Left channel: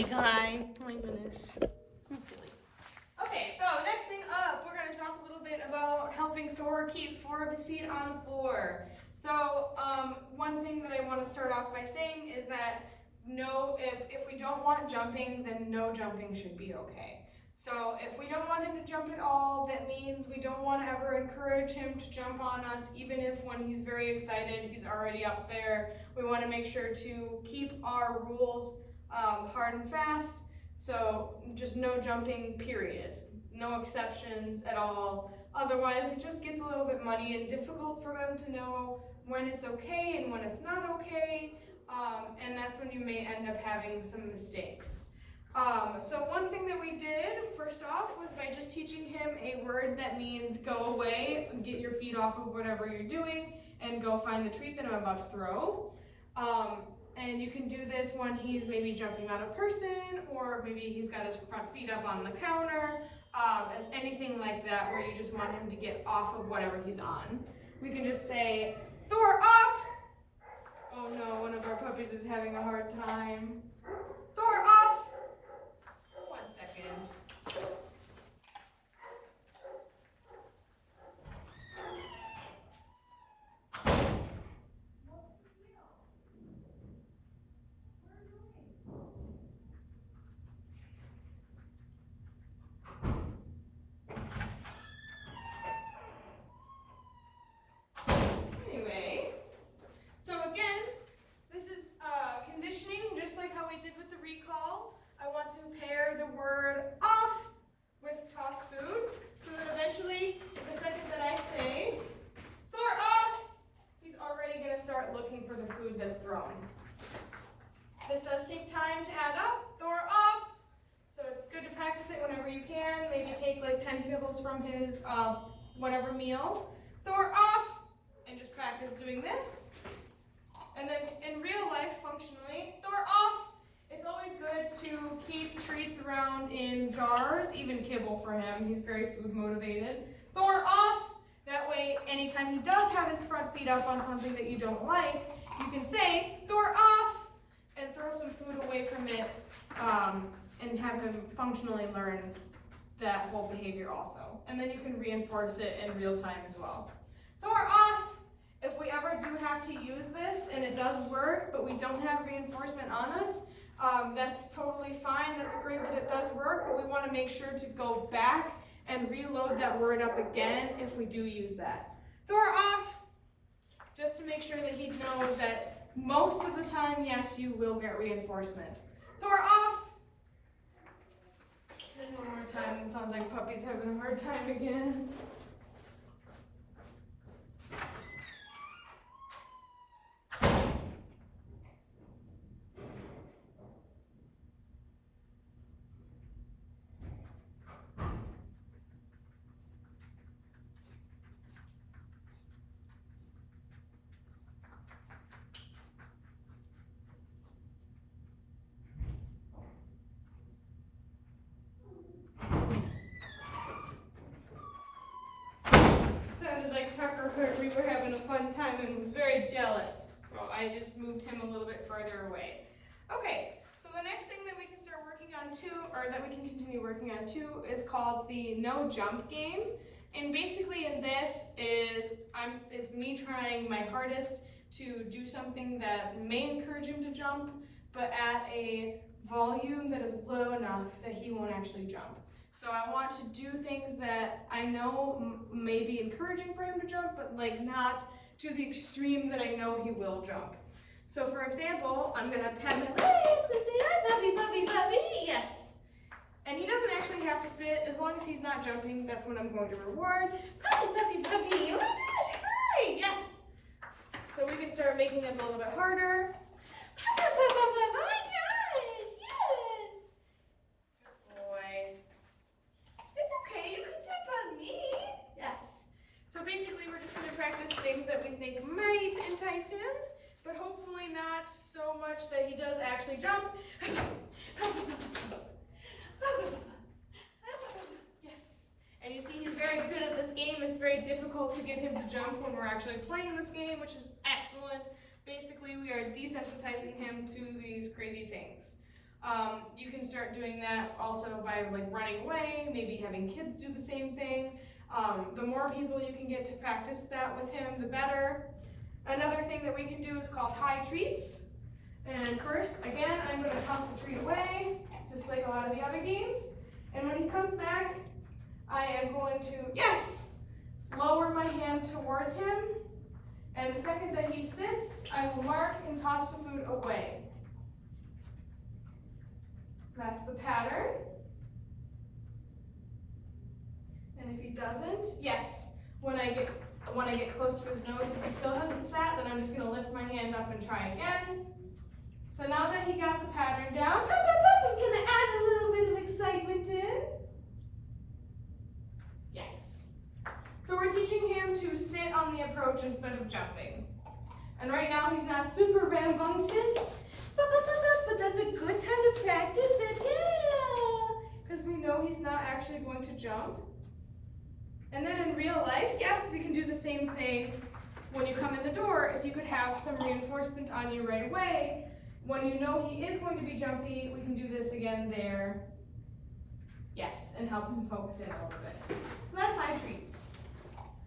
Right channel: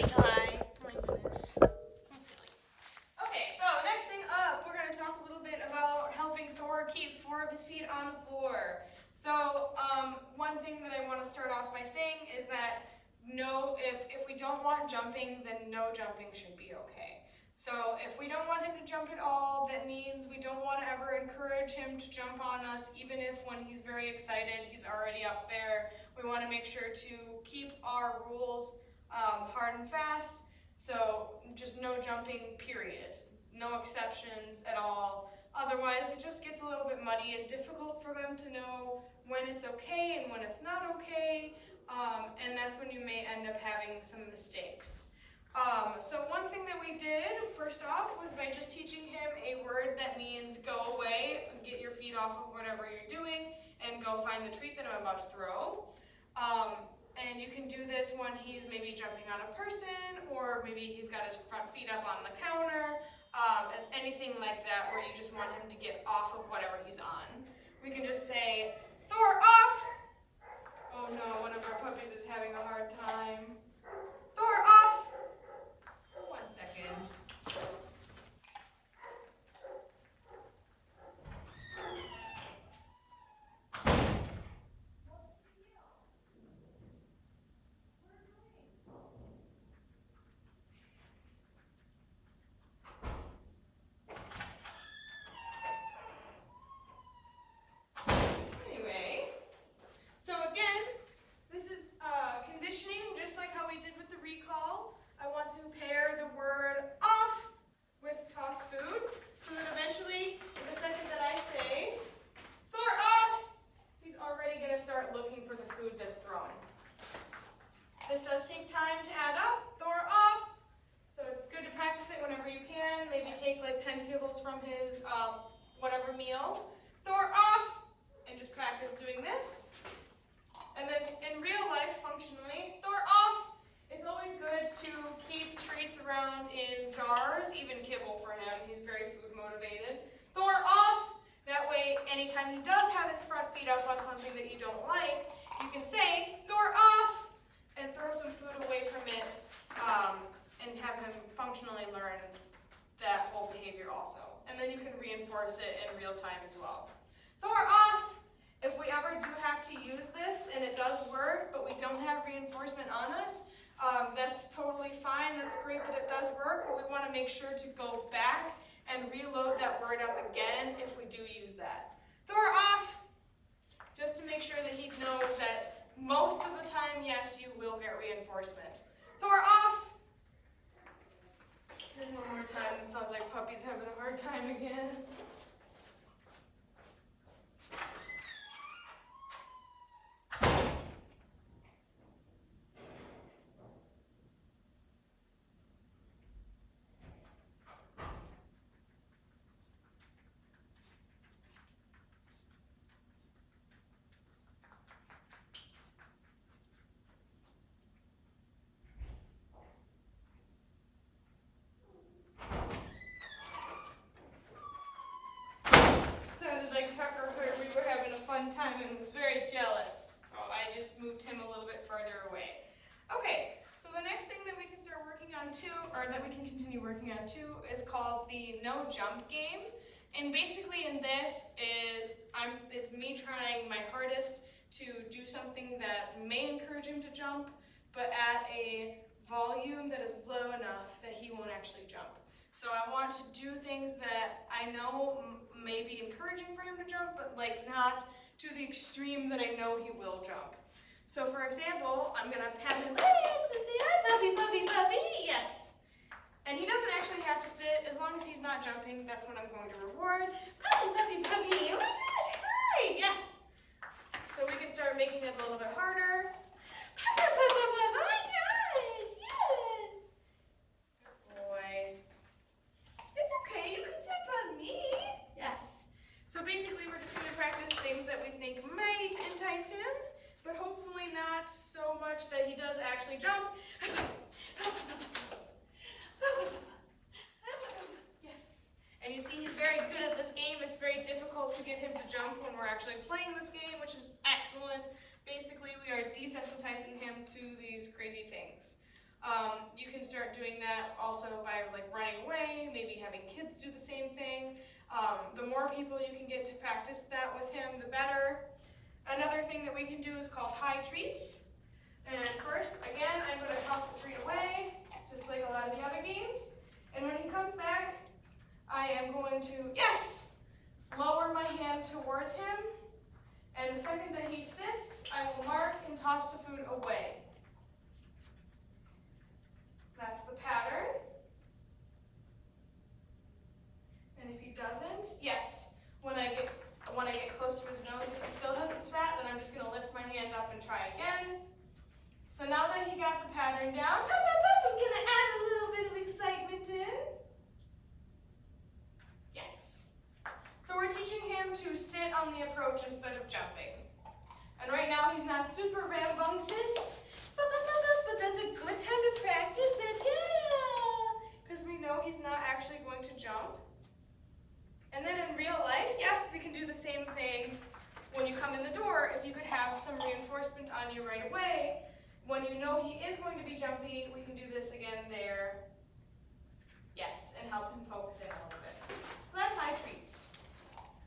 silly guy. Oh my goodness. I'm silly. Okay, so next thing up, we're going to talk a little bit about helping Thor keep 4 of his feet on the floor. So one thing that I want to start off by saying is that if we don't want jumping, then no jumping should be okay. So if we don't want him to jump at all, that means we don't want to ever encourage him to jump on us, even if when he's very excited, he's already up there. We want to make sure to keep our rules hard and fast. So just no jumping, period. No exceptions at all. Otherwise, it just gets a little bit muddy and difficult for them to know when it's okay and when it's not okay. And that's when you may end up having some mistakes. So one thing that we did, first off, was by just teaching him a word that means go away, get your feet off of whatever you're doing, and go find the treat that I'm about to throw. And you can do this when he's maybe jumping on a person, or maybe he's got his front feet up on the counter, anything like that where you just want him to get off of whatever he's on. We can just say, Thor, off! Oh no, one of our puppies is having a hard time. Thor, off! 1 second. Anyway, so again, this is conditioning, just like how we did with the recall. I want to pair the word off with tossed food, so that eventually, the second that I say, Thor off, he's already going to start looking for the food that's thrown. This does take time to add up. Thor off. So it's good to practice it whenever you can. Maybe take like 10 kibbles from his whatever meal. Thor off. And just practice doing this. And then in real life, functionally, Thor off. It's always good to keep treats around in jars, even kibble for him. He's very food motivated. Thor off. That way, anytime he does have his front feet up on something that you don't like, you can say, Thor off, and throw some food away from it, and have him functionally learn that whole behavior also. And then you can reinforce it in real time as well. Thor off! If we ever do have to use this, and it does work, but we don't have reinforcement on us, that's totally fine. That's great that it does work, but we want to make sure to go back and reload that word up again if we do use that. Thor off! Just to make sure that he knows that most of the time, yes, you will get reinforcement. Thor off! And one more time. It sounds like puppy's having a hard time again. We were having a fun time and was very jealous, so I just moved him a little bit further away. Okay, so the next thing that we can start working on too, or that we can continue working on too, is called the no jump game. And basically in this it's me trying my hardest to do something that may encourage him to jump, but at a volume that is low enough that he won't actually jump. So I want to do things that I know may be encouraging for him to jump, but like not to the extreme that I know he will jump. So for example, I'm gonna pat his legs and say, hi, puppy, puppy, puppy, yes. And he doesn't actually have to sit, as long as he's not jumping, that's when I'm going to reward. Puppy, puppy, puppy, oh my gosh, hi, yes. So we can start making it a little bit harder. Oh my gosh, yes. Good boy. It's okay, you can jump on me. Yes. So basically we're just going to practice things that we think might entice him, but hopefully not so much that he does actually jump. Yes. And you see he's very good at this game. It's very difficult to get him to jump when we're actually playing this game, which is excellent. Basically, we are desensitizing him to these crazy things. You can start doing that also by like running away, maybe having kids do the same thing. The more people you can get to practice that with him, the better. Another thing that we can do is called high treats. And first, again, I'm going to toss the treat away, just like a lot of the other games. And when he comes back, I am going to, yes, lower my hand towards him. And the second that he sits, I will mark and toss the food away. That's the pattern. And if he doesn't, yes, when I get close to his nose, if he still hasn't sat, then I'm just going to lift my hand up and try again. So now that he got the pattern down, I'm going to add a little bit of excitement in. Yes. So we're teaching him to sit on the approach instead of jumping. And right now he's not super rambunctious, but that's a good time to practice it, yeah! Because we know he's not actually going to jump. And then in real life, yes, we can do the same thing when you come in the door. If you could have some reinforcement on you right away, when you know he is going to be jumpy, we can do this again there. Yes, and help him focus in a little bit. So that's high treats.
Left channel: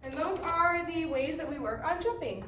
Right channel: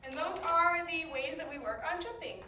And those are the ways that we work on jumping.